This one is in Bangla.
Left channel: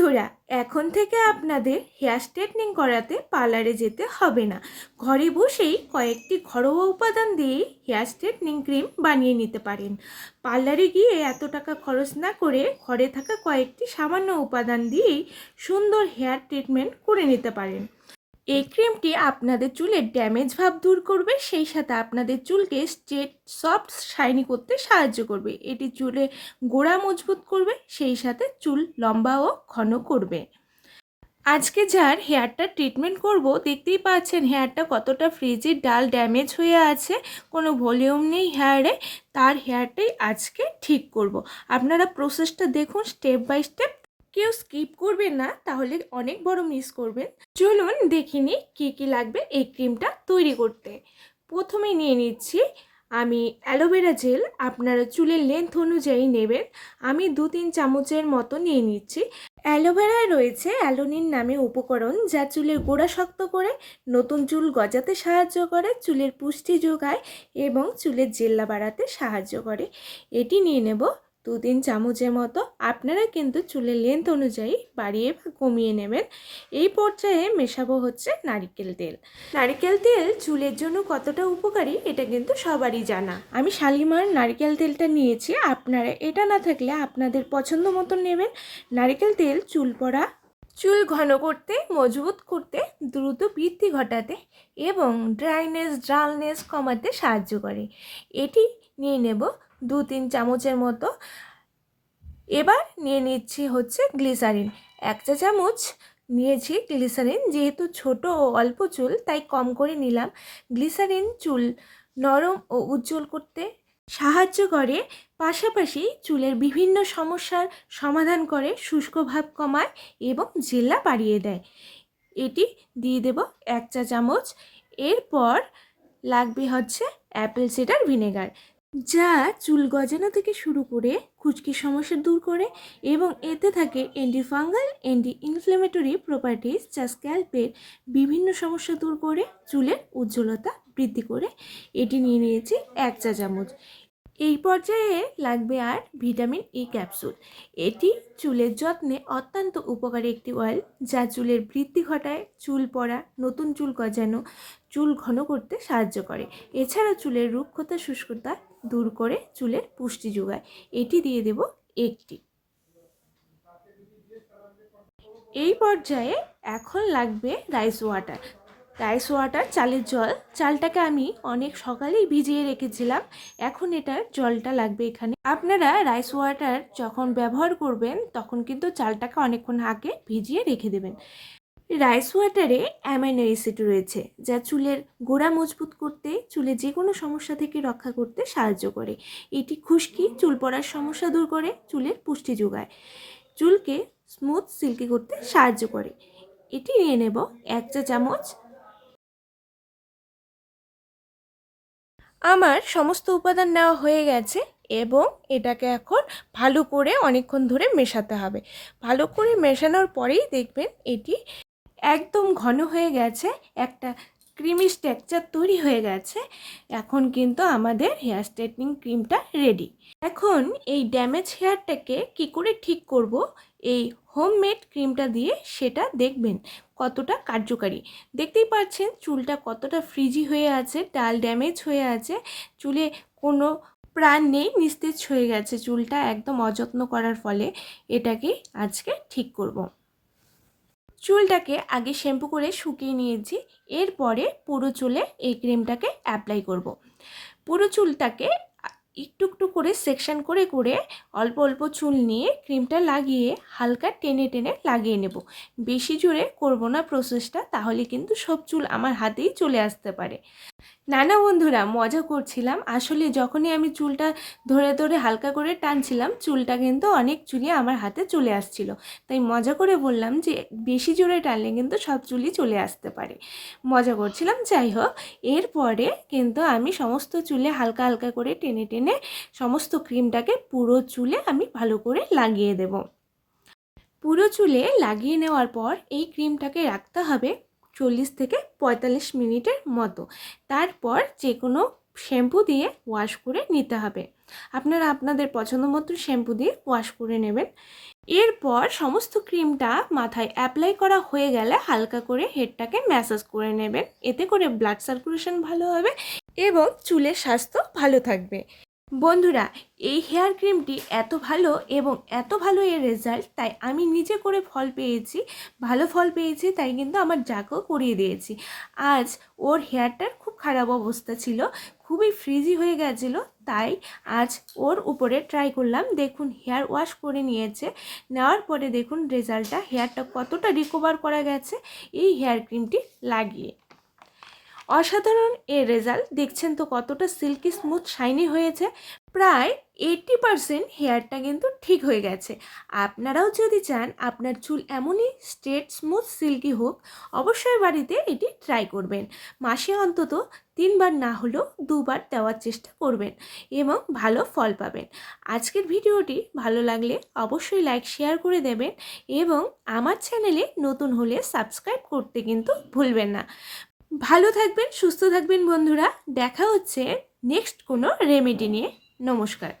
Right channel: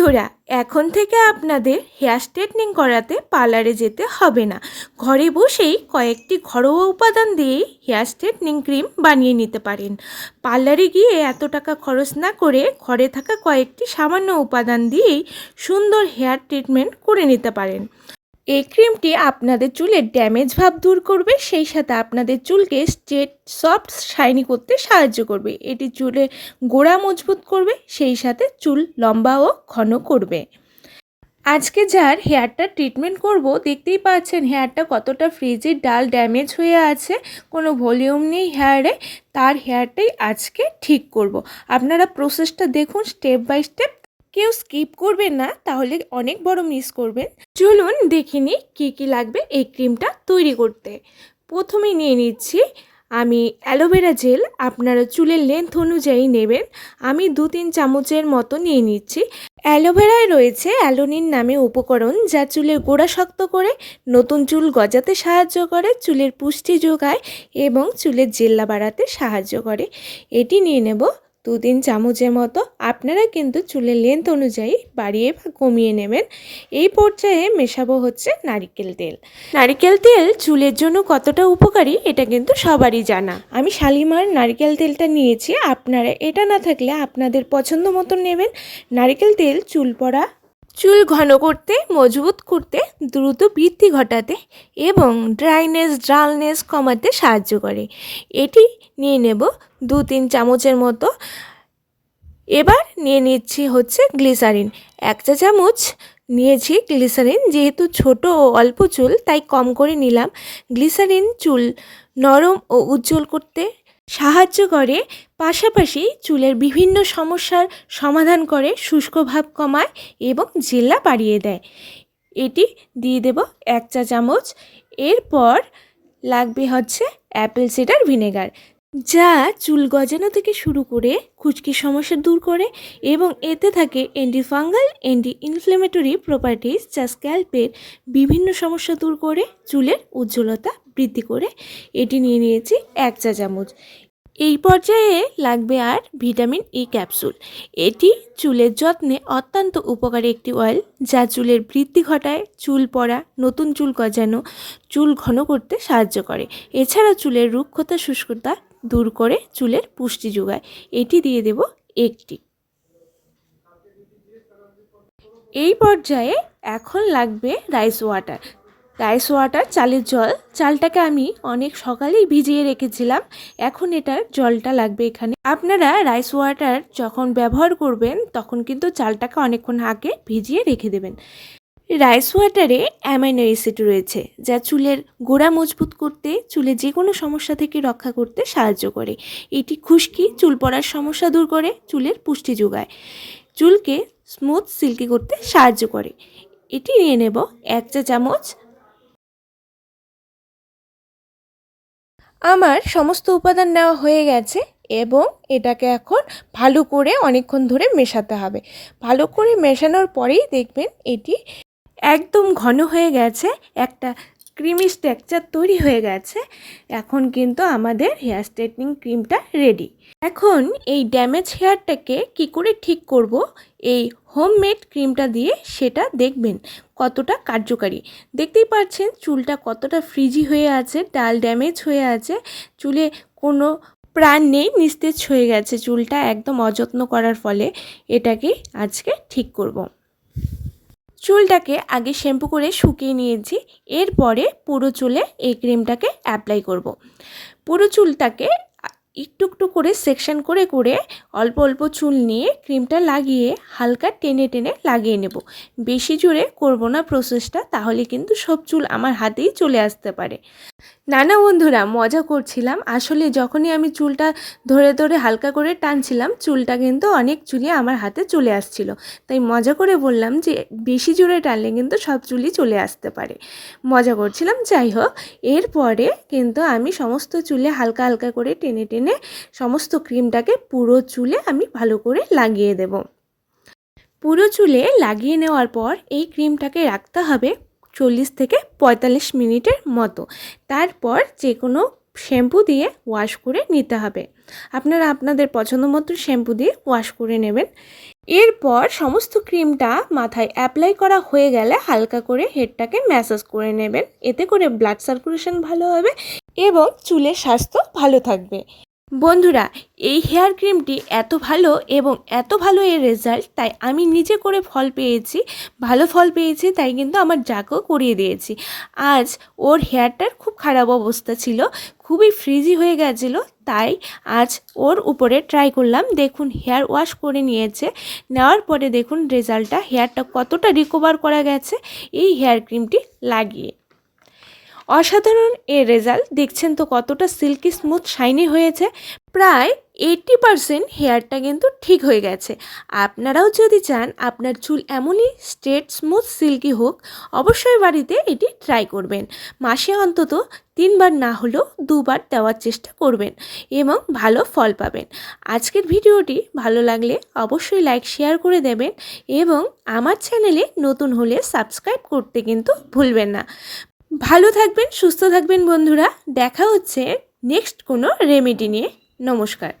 বন্ধুরা, এখন থেকে আপনাদের হেয়ার স্ট্রেটনিং করাতে পার্লারে যেতে হবে না। ঘরে বসেই কয়েকটি ঘরোয়া উপাদান দিয়ে হেয়ার স্ট্রেটনিং ক্রিম বানিয়ে নিতে পারেন। পার্লারে গিয়ে এত টাকা খরচ না করে ঘরে থাকা কয়েকটি সামান্য উপাদান দিয়েই সুন্দর হেয়ার ট্রিটমেন্ট করে নিতে পারেন। এই ক্রিমটি আপনাদের চুলের ড্যামেজ ভাব দূর করবে, সেই সাথে আপনাদের চুলকে স্ট্রেট সফট শাইনি করতে সাহায্য করবে এটি চুলে গোড়া মজবুত করবে, সেই সাথে চুল লম্বা ও ঘন করবে আজকে যার হেয়ারটা ট্রিটমেন্ট করব, দেখতেই পাচ্ছেন হেয়ারটা কতটা ফ্রিজে ডাল ড্যামেজ হয়ে আছে, কোনো ভলিউম নেই হেয়ারে তার হেয়ারটাই আজকে ঠিক করব। আপনারা প্রসেসটা দেখুন স্টেপ বাই স্টেপ কেউ স্কিপ করবেন না, তাহলে অনেক বড় মিস করবেন। চলুন দেখে নিই কী কী লাগবে এই ক্রিমটা তৈরি করতে। প্রথমে নিয়ে নিচ্ছি, আমি অ্যালোভেরা জেল আপনারা চুলের লেন্থ অনুযায়ী নেবেন, আমি দু তিন চামচের মতো নিয়ে নিচ্ছি। অ্যালোভেরায় রয়েছে অ্যালোনিন নামে উপকরণ যা চুলের গোড়া শক্ত করে, নতুন চুল গজাতে সাহায্য করে, চুলের পুষ্টি যোগায় এবং চুলের জেল্লা বাড়াতে সাহায্য করে। এটি নিয়ে নেব দু তিন চামচের মতো আপনারা কিন্তু চুলের লেন্থ অনুযায়ী বাড়িয়ে বা কমিয়ে নেবেন। এই পর্যায়ে মেশাবো হচ্ছে নারিকেল তেল। নারিকেল তেল চুলের জন্য কতটা উপকারী এটা কিন্তু সবারই জানা। আমি শালিমার নারিকেল তেলটা নিয়েছি, আপনারা এটা না থাকলে আপনাদের পছন্দ মতো নেবেন। নারিকেল তেল চুল পড়া চুল ঘন করতে, মজবুত করতে, দ্রুত বৃদ্ধি ঘটাতে এবং ড্রাইনেস ড্রালনেস কমাতে সাহায্য করে। এটি নিয়ে নেব দু তিন চামচের মতো। এবার নিয়ে নিচ্ছি হচ্ছে গ্লিসারিন। এক চা চামচ নিয়েছি গ্লিসারিন। যেহেতু ছোট ও অল্প চুল, তাই কম করে নিলাম। গ্লিসারিন চুল নরম ও উজ্জ্বল করতে সাহায্য করে, পাশাপাশি চুলের বিভিন্ন সমস্যার সমাধান করে শুষ্ক ভাব কমায় এবং জেল্লা বাড়িয়ে দেয়। এটি দিয়ে দেব এক চা চামচ। এরপর লাগবে হচ্ছে অ্যাপেল সিডার ভিনেগার, যা চুল গজানো থেকে শুরু করে খুচকি সমস্যা দূর করে এবং এতে থাকে অ্যান্টিফাঙ্গাল অ্যান্টি ইনফ্লেমেটরি প্রপার্টিস যা স্ক্যাল্পের বিভিন্ন সমস্যা দূর করে চুলের উজ্জ্বলতা বৃদ্ধি করে। এটি নিয়ে নিয়েছি এক চা চামচ। এই পর্যায়ে লাগবে আর ভিটামিন ই ক্যাপসুল। এটি চুলের যত্নে অত্যন্ত উপকারী একটি অয়েল যা চুলের বৃদ্ধি ঘটায়, চুল পড়া, নতুন চুল গজানো, চুল ঘন করতে সাহায্য করে। এছাড়া চুলের রুক্ষতা, শুষ্কতা দূর করে চুলের পুষ্টি যোগায়। এটি দিয়ে দেব একটি। এই পর্যায়ে এখন লাগবে রাইস ওয়াটার রাইস ওয়াটার, চালের জল। চালটাকে আমি অনেক সকালেই ভিজিয়ে রেখেছিলাম। এখন এটার জলটা লাগবে এখানে। আপনারা রাইস ওয়াটার যখন ব্যবহার করবেন, তখন কিন্তু চালটাকে অনেকক্ষণ আগে ভিজিয়ে রেখে দেবেন। রাইস ওয়াটারে অ্যামাইনো অ্যাসিড রয়েছে, যা চুলের গোড়া মজবুত করতে, চুলে যে কোনো সমস্যা থেকে রক্ষা করতে সাহায্য করে। এটি খুশকি, চুল পড়ার সমস্যা দূর করে, চুলের পুষ্টি যোগায়। চুলকে স্মুথ সিল্কি করতে সাহায্য করে। এটি নিয়ে নেব এক চা চামচ আমার সমস্ত উপাদান নেওয়া হয়ে গেছে এবং এটাকে এখন ভালো করে অনেকক্ষণ ধরে মেশাতে হবে। ভালো করে মেশানোর পরেই দেখবেন এটি একদম ঘন হয়ে গেছে, একটা ক্রিমি স্ট্রাকচার তৈরি হয়ে গেছে। এখন কিন্তু আমাদের হেয়ার স্ট্রেটনিং ক্রিমটা রেডি। এখন এই ড্যামেজ হেয়ারটাকে কি করে ঠিক করব? এই হোমমেড ক্রিমটা দিয়ে সেটা দেখবেন কতটা কার্যকারী দেখতেই পাচ্ছেন চুলটা কতটা ফ্রিজি হয়ে আছে, ডাল ড্যামেজ হয়ে আছে, চুলে কোনো প্রাণ নেই, নিস্তেজ হয়ে গেছে চুলটা একদম অযত্ন করার ফলে এটাকে আজকে ঠিক করব। চুলটাকে আগে শ্যাম্পু করে শুকিয়ে নিয়েছি, এরপরে পুরো চুলে এই ক্রিমটাকে অ্যাপ্লাই করব। পুরো চুলটাকে একটু একটু করে সেকশন করে করে অল্প অল্প চুল নিয়ে ক্রিমটা লাগিয়ে হালকা টেনে টেনে লাগিয়ে নেব। বেশি জোরে করব না প্রসেসটা তাহলে কিন্তু সব চুল আমার হাতেই চলে আসতে পারে। নানা বন্ধুরা মজা করছিলাম। আসলে যখনই আমি চুলটা ধরে ধরে হালকা করে টানছিলাম, চুলটা কিন্তু অনেক চুলি আমার হাতে চলে আসছিল। তাই মজা করে বললাম যে, বেশি জোরে টানলে কিন্তু সব চুলি চলে আসতে পারে। মজা করছিলাম, যাই হোক। এরপরে কিন্তু আমি সমস্ত চুলে হালকা হালকা করে টেনে টেনে সমস্ত ক্রিমটাকে পুরো চুলে আমি ভালো করে লাগিয়ে দেব। পুরো চুলে লাগিয়ে নেওয়ার পর এই ক্রিমটাকে রাখতে হবে। চল্লিশ থেকে পঁয়তাল্লিশ মিনিটের মতো। তারপর যে কোনো শ্যাম্পু দিয়ে ওয়াশ করে নিতে হবে। আপনারা আপনাদের পছন্দ মতো শ্যাম্পু দিয়ে ওয়াশ করে নেবেন। এরপর সমস্ত ক্রিমটা মাথায় অ্যাপ্লাই করা হয়ে গেলে হালকা করে হেডটাকে ম্যাসাজ করে নেবেন। এতে করে ব্লাড সার্কুলেশন ভালো হবে এবং চুলের স্বাস্থ্য ভালো থাকবে। বন্ধুরা, এই হেয়ার ক্রিমটি এত ভালো এবং এত ভালো এর রেজাল্ট, তাই আমি নিজে করে ফল পেয়েছি, ভালো ফল পেয়েছি, তাই কিন্তু আমার যাকেও করিয়ে দিয়েছি। আজ ওর হেয়ারটার খুব খারাপ অবস্থা ছিল, খুবই ফ্রিজি হয়ে গেছিল, তাই আজ ওর উপরে ট্রাই করলাম, দেখুন হেয়ার ওয়াশ করে নিয়েছে, নেওয়ার পরে দেখুন রেজাল্টটা, হেয়ারটা কতটা রিকভার করা গেছে, এই হেয়ার ক্রিমটি লাগিয়ে। অসাধারণ এর রেজাল্ট। দেখছেন তো কতটা সিল্কি স্মুথ, শাইনি হয়েছে। প্রায় এইটটি পারসেন্ট হেয়ারটা কিন্তু ঠিক হয়ে গেছে। আপনারাও যদি চান আপনার চুল এমনই স্ট্রেট, স্মুথ, সিল্কি হোক, অবশ্যই বাড়িতে এটি ট্রাই করবেন। মাসে অন্তত তিনবার না হলেও দুবার দেওয়ার চেষ্টা করবেন এবং ভালো ফল পাবেন। আজকের ভিডিওটি ভালো লাগলে অবশ্যই লাইক, শেয়ার করে দেবেন এবং আমার চ্যানেলে নতুন হলে সাবস্ক্রাইব করতে কিন্তু ভুলবেন না। ভালো থাকবেন সুস্থ থাকবেন বন্ধুরা। দেখা হচ্ছে নেক্সট কোনো রেমেডি নিয়ে। নমস্কার